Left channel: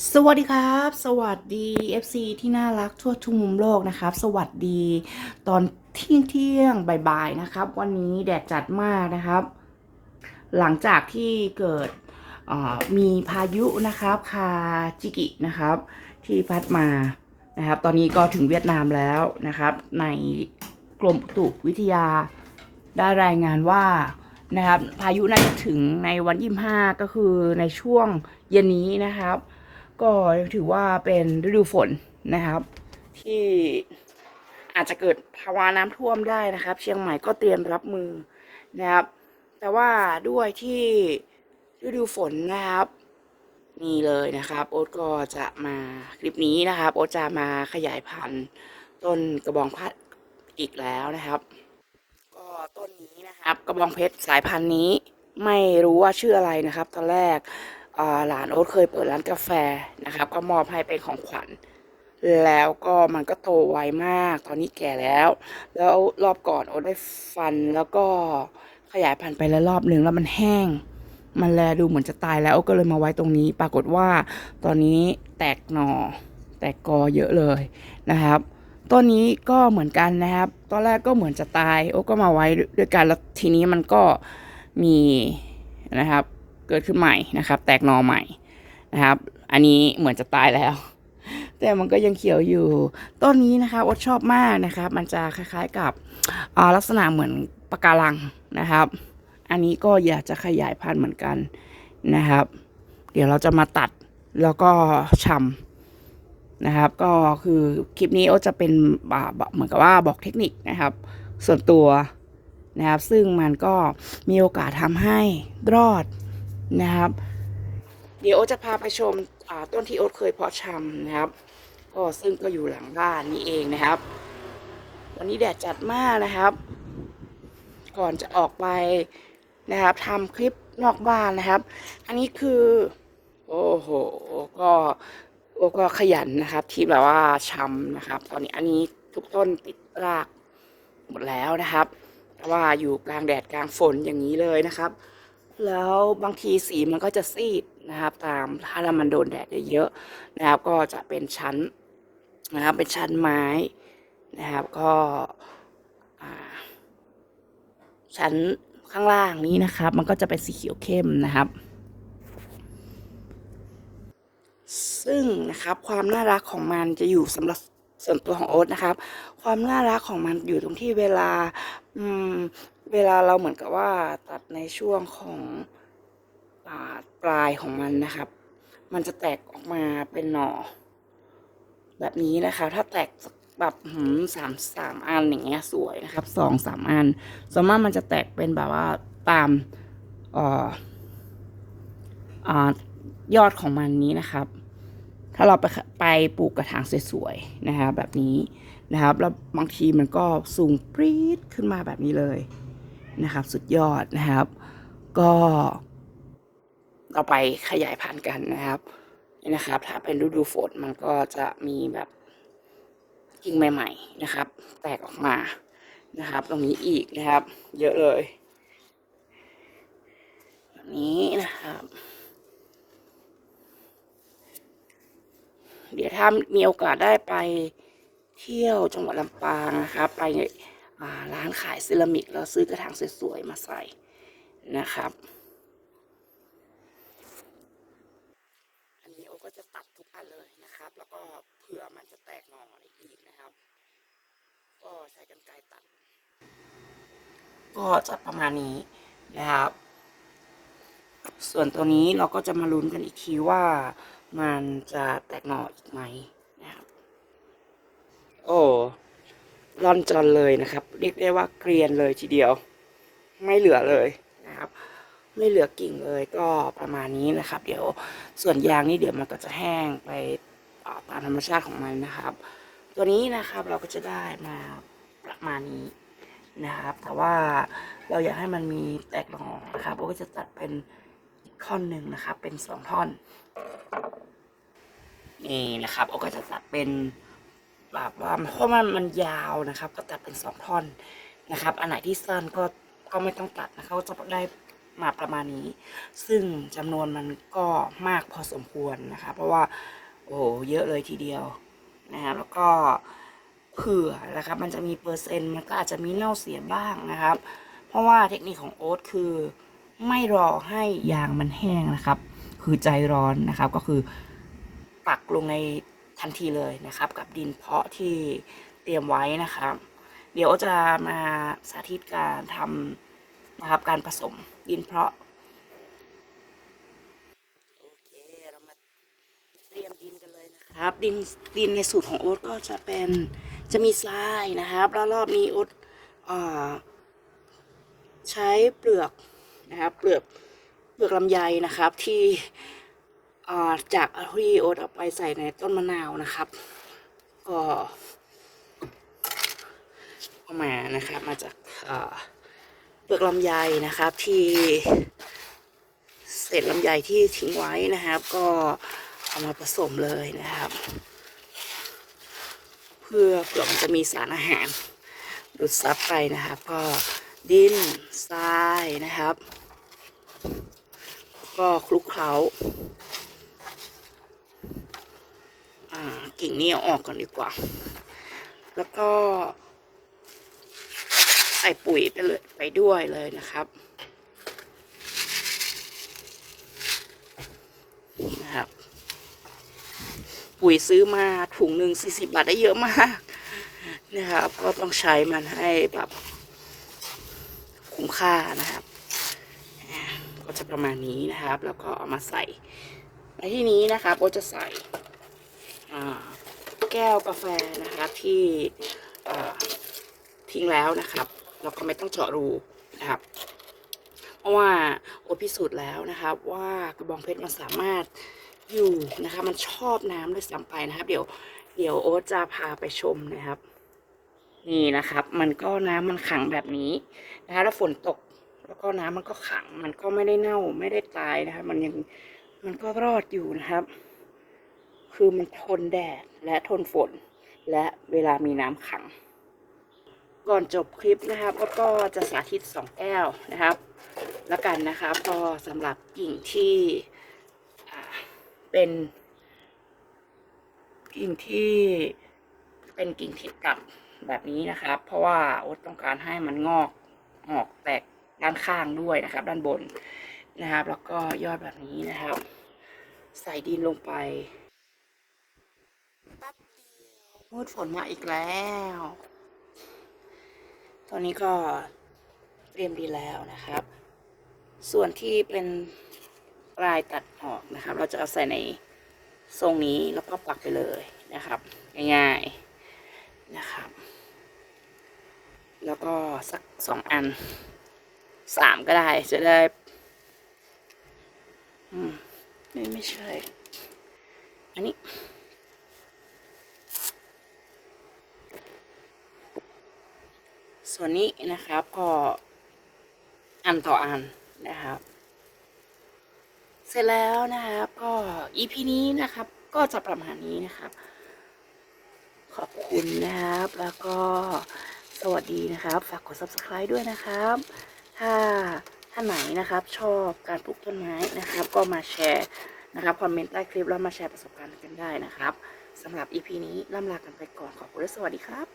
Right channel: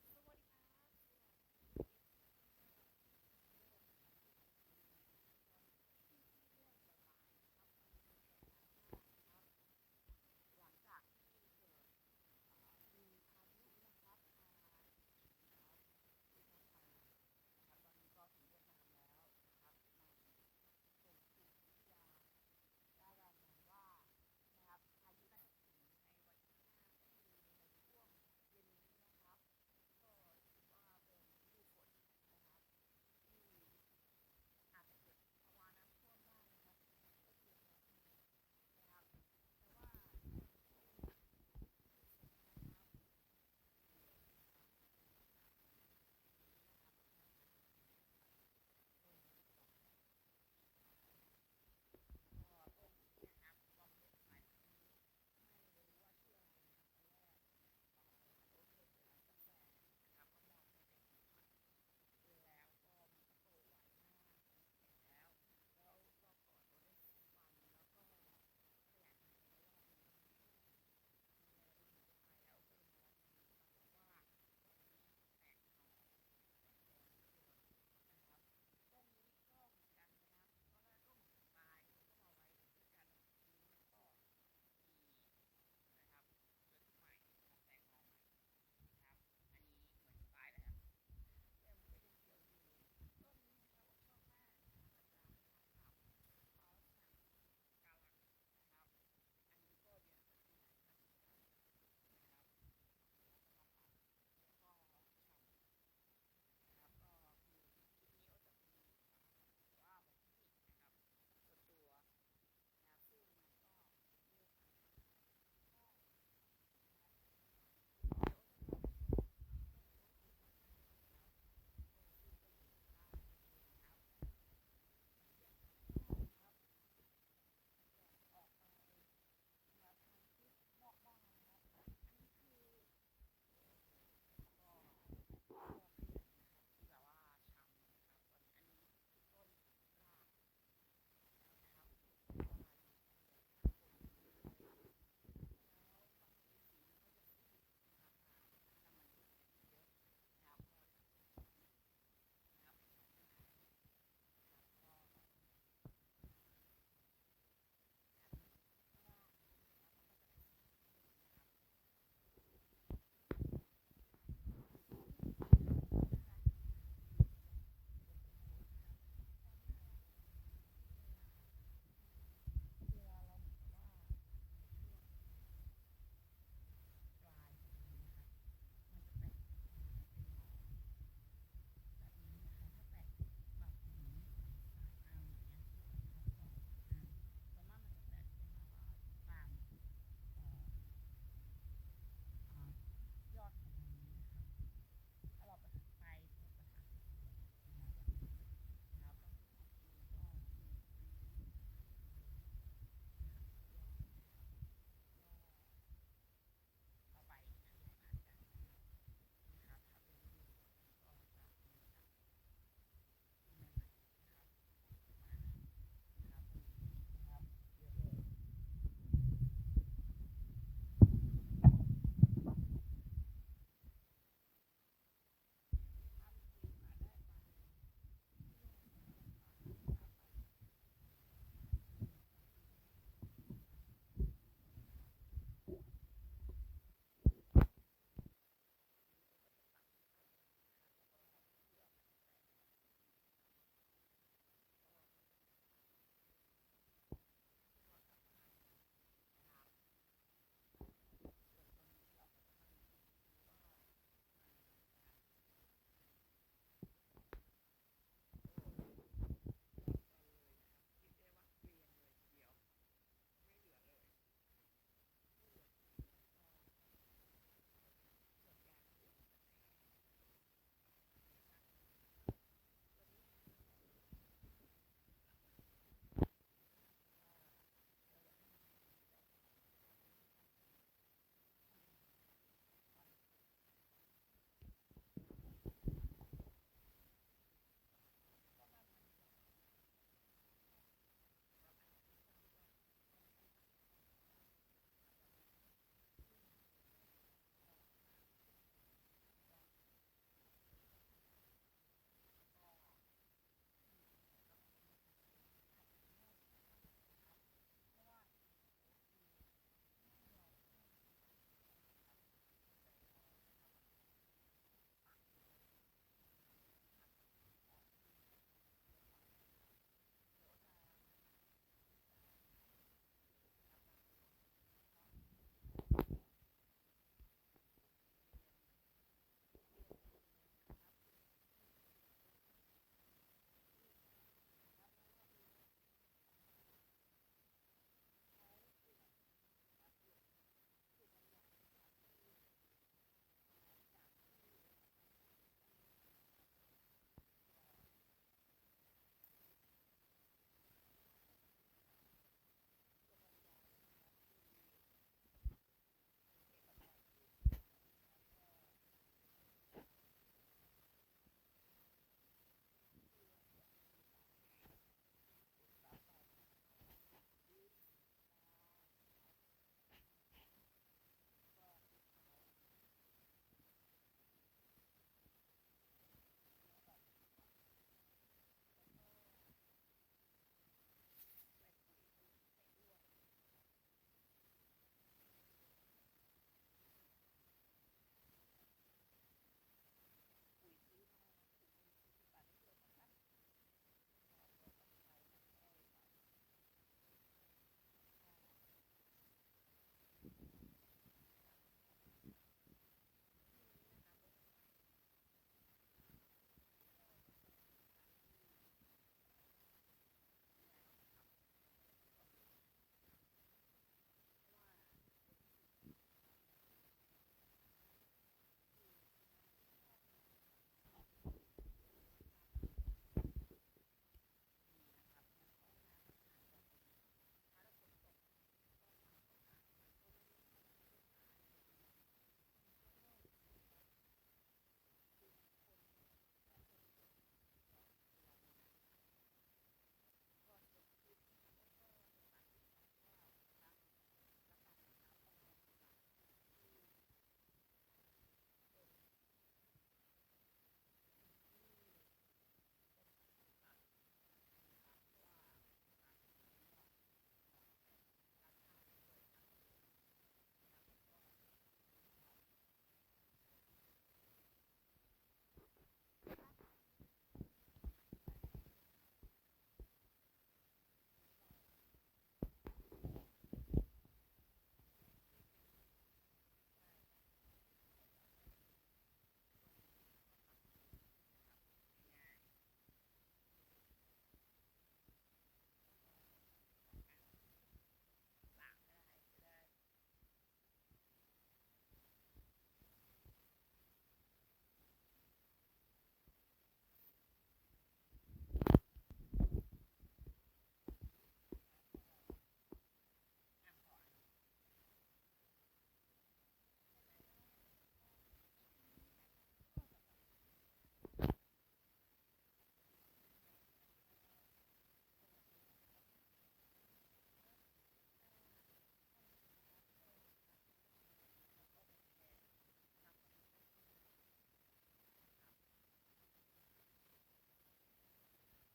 สวัสดีครับ สวัสดี FC ที่น่ารักทั่วทุกมุมโลกนะครับ สวัสดีตอนเที่ยงเที่ยงบ่ายๆนะครับ วันนี้แดดจัดมากนะครับ หลังจากที่เกิดมีพายุนะครับคาจิกินะครับ ที่พัดมานะครับ ตอนนี้ก็ถึงเวียดนามแล้วนะครับ ในกรมอุตุวิทยา ได้รายงานว่านะครับ พายุน่าจะถึงในวันยี่ห้าก็คือในช่วงเย็นนี้นะครับ ก็ถือว่าเป็นฤดูฝนนะครับ ที่อาจจะเกิดภาวะน้ำท่วมได้นะครับ เชียงใหม่ก็เตรียมรับมือนะครับ แต่ว่าด้วยที่ฤดูฝนนะครับนี่เลยนะครับ โอ๊ตก็จะมาคลิปนี้นะครับ โอ๊ตจะมาขยายพันธุ์ต้นกระบองเพชรอีกแล้วนะครับ ก็ต้นนี้นะครับ กระบองเพชรสายพันธุ์นี้ ไม่รู้ว่าชื่ออะไรนะครับ ตอนแรก หลานโอ๊ตเคยเปิดร้านกาแฟนะครับ ก็มอบให้เป็นของขวัญ แล้วก็มันก็โตไวมาก ตอนนี้แก่แล้ว แล้วรอบก่อนโอ๊ตได้ฟันแล้วก็ขยายพันธุ์ไปแล้วรอบหนึ่งแล้วมันแห้ง มันแลดูเหมือนจะตายแล้วโอ๊ตก็เลยมาไว้ตรงนี้ ปรากฏว่า ตอนนี้แตกหน่อแตกกอเยอะเลยนะครับต้นนี้ก็เหมือนกันนะครับ ตอนแรกก็เหมือนจะตาย โอ๊ตก็มาไว้ด้วยกันแล้วทีนี้มันก็มีนะครับ เกิดขึ้นใหม่นะครับ แตกหนอใหม่นะครับ อันนี้เหมือนจะตายแล้ว แต่มันก็ยังเขียวอยู่ ต้นนี้นะคะโอ๊ตชอบมากนะครับ มันจะคล้ายๆกับลักษณะเหมือนปะการังนะครับ อันนี้ก็อยากจะขยายพันธุ์เหมือนกันนะครับ เดี๋ยวเราจะมาตัดแล้วก็ชำนะครับ ก็คือคลิปนี้โอ๊ตจะเป็นเหมือนกับว่าบอกเทคนิคนะครับ ส่วนตัวนะครับ ซึ่งมันก็มีโอกาสทำให้รอด นะครับ เดี๋ยวโอจะพาไปชมต้นที่โอ๊ตเคยเพาะชำนะครับ ก็ซึ่งก็อยู่หลังบ้านนี่เองนะครับ วันนี้แดดจัดมากนะครับ ก่อนจะออกไปนะครับทำคลิปนอกบ้านนะครับ อันนี้คือ โอ้โหก็โอ้ก็ขยันนะครับ ที่แบบว่าชำนะครับ ตอนนี้อันนี้ทุกต้นติดรากหมดแล้วนะครับ เพราะว่าอยู่กลางแดดกลางฝนอย่างนี้เลยนะครับ แล้วบางทีสีมันก็จะซีดนะครับตามถ้าเรามันโดนแดดเยอะๆนะครับ ก็จะเป็นชั้นนะครับเป็นชั้นไม้นะครับก็ชั้นข้างล่างนี้นะครับ มันก็จะเป็นสีเขียวเข้มนะครับ ซึ่งนะครับความน่ารักของมันจะอยู่สำหรับส่วนตัวของโอ๊ตนะครับ ความน่ารักของมันอยู่ตรงที่เวลาอืม เวลาเราเหมือนกับว่าตัดในช่วงของปลายของมันนะครับ มันจะแตกออกมาเป็นหน่อ แบบนี้นะคะ ถ้าแตกแบบหืมสามสามอันอย่างเงี้ยสวยนะครับสองสามอันส่วนมากมันจะแตกเป็นแบบว่าตามออยอดของมันนี้นะครับ ถ้าเราไปไปปลูกกระถางสวยๆนะครับแบบนี้นะครับ แล้วบางทีมันก็สูงปรี๊ดขึ้นมาแบบนี้เลย นะครับ สุดยอดนะครับ ก็เราไปขยายพันธุ์กันนะครับนี่นะครับ ถ้าเป็นฤดูฝนมันก็จะมีแบบกิ่งใหม่ ๆ นะครับ แตกออกมานะครับ ตรงนี้อีกนะครับ เยอะเลยแบบนี้นะครับ เดี๋ยวถ้ามีโอกาสได้ไปเที่ยวจังหวัดลำปางนะครับ ไปอ่า ร้านขายเซรามิกแล้วซื้อกระถางสวยๆมาใส่นะครับ อันนี้โอก็จะตัดทุกอันเลยนะครับ แล้วก็เผื่อมันจะแตกหน่ออะไรอีกนะครับ ก็ใช้กรรไกรตัด ก็จะประมาณนี้นะครับ ส่วนตัวนี้เราก็จะมาลุ้นกันอีกทีว่ามันจะแตกหน่ออีกไหมนะครับ โอ้ ร่อนจอนเลยนะครับ เรียกได้ว่าเกรียนเลยทีเดียว ไม่เหลือเลยนะครับ ไม่เหลือกิ่งเลยก็ประมาณนี้นะครับ เดี๋ยวส่วนยางนี่เดี๋ยวมันก็จะแห้งไปตามธรรมชาติของมันนะครับ ตัวนี้นะครับเราก็จะได้มาประมาณนี้นะครับ แต่ว่าเราอยากให้มันมีแตกหน่อนะครับเราก็จะตัดเป็นท่อนหนึ่งนะครับ เป็นสองท่อนนี่นะครับโอก็จะตัดเป็น แบบว่าเพราะมันมันยาวนะครับ ก็ตัดเป็นสองท่อนนะครับ อันไหนที่สั้นก็ก็ไม่ต้องตัดนะครับจะได้มาประมาณนี้ ซึ่งจำนวนมันก็มากพอสมควรนะคะเพราะว่าโอ้เยอะเลยทีเดียวนะฮะแล้วก็เผื่อนะครับ มันจะมีเปอร์เซ็นต์มันก็อาจจะมีเน่าเสียบ้างนะครับ เพราะว่าเทคนิคของโอ๊ตคือไม่รอให้ยางมันแห้งนะครับ คือใจร้อนนะครับ ก็คือปักลงใน ทันทีเลยนะครับ กับดินเพาะที่เตรียมไว้นะครับ เดี๋ยวจะมาสาธิตการทำนะครับการผสมดินเพาะโอเคเรามาเตรียมดินกันเลยนะครับ ดินดินในสูตรของโอ๊ตก็จะเป็นจะมีทรายนะครับแล้วรอบนี้โอ๊ตอ่าใช้เปลือกนะครับเปลือกเปลือกลำไยนะครับที่ จากที่โอ๊ตเอาไปใส่ในต้นมะนาวนะครับ ก็เอามานะครับมาจากเปลือกลำไยนะครับที่เศษลำไยที่ทิ้งไว้นะครับ ก็เอามาผสมเลยนะครับ เพื่อเปลือกมันจะมีสารอาหารดูดซับไปนะครับ ก็ดินทรายนะครับ ก็คลุกเคล้าอ่า กิ่งนี้ออกก่อนดีกว่า แล้วก็ ใส่ปุ๋ยไปเลยไปด้วยเลยนะครับนะครับ ปุ๋ยซื้อมาถุงหนึ่งสี่สิบาทได้เยอะมากนะครับ ก็ต้องใช้มันให้แบบคุ้มค่านะครับก็จะประมาณนี้นะครับ แล้วก็เอามาใส่ในที่นี้นะครับก็จะใส่อ่า แก้วกาแฟนะครับที่ทิ้งแล้วนะครับ เราก็ไม่ต้องเจาะรูนะครับ เพราะว่าโอตพิสูจน์แล้วนะครับว่ากระบองเพชรมันสามารถอยู่นะคะ มันชอบน้ำด้วยซ้ำไปนะครับ เดี๋ยวเดี๋ยวโอ๊ตจะพาไปชมนะครับ นี่นะครับ มันก็น้ำมันขังแบบนี้นะคะแล้วฝนตกแล้วก็น้ำมันก็ขัง มันก็ไม่ได้เน่าไม่ได้ตายนะคะ มันยังมันก็รอดอยู่นะครับ คือมันทนแดดและทนฝน และเวลามีน้ำขัง ก่อนจบคลิปนะครับก็ก็จะสาธิตสองแก้วนะครับ แล้วกันนะครับก็สำหรับกิ่งที่เป็น กิ่งที่เป็นกิ่งที่ต่ำแบบนี้นะครับ เพราะว่าโอ๊ตต้องการให้มันงอกออกแตกด้านข้างด้วยนะครับ ด้านบนนะครับ แล้วก็ยอดแบบนี้นะครับ ใส่ดินลงไป มืดฝนมาอีกแล้ว ตอนนี้ก็เตรียมดีแล้วนะครับ ส่วนที่เป็นปลายตัดออกนะครับ เราจะเอาใส่ในทรงนี้แล้วก็ปักไปเลยนะครับ ง่ายๆนะครับ แล้วก็สักสองอันสามก็ได้จะได้ อืม ไม่ไม่ใช่ อันนี้ ส่วนนี้นะครับก็อันต่ออันนะครับ เสร็จแล้วนะครับ ก็ EP นี้นะครับ ก็จะประมาณนี้นะครับ ขอบคุณนะครับแล้วก็สวัสดีนะครับ ฝากกด subscribe ด้วยนะครับ ถ้าท่านไหนนะครับชอบการปลูกต้นไม้นะครับ ก็มาแชร์นะครับคอมเมนต์ใต้คลิปแล้วมาแชร์ประสบการณ์กันได้นะครับสำหรับ EP นี้ล่ำลากันไปก่อนขอบคุณและสวัสดีครับ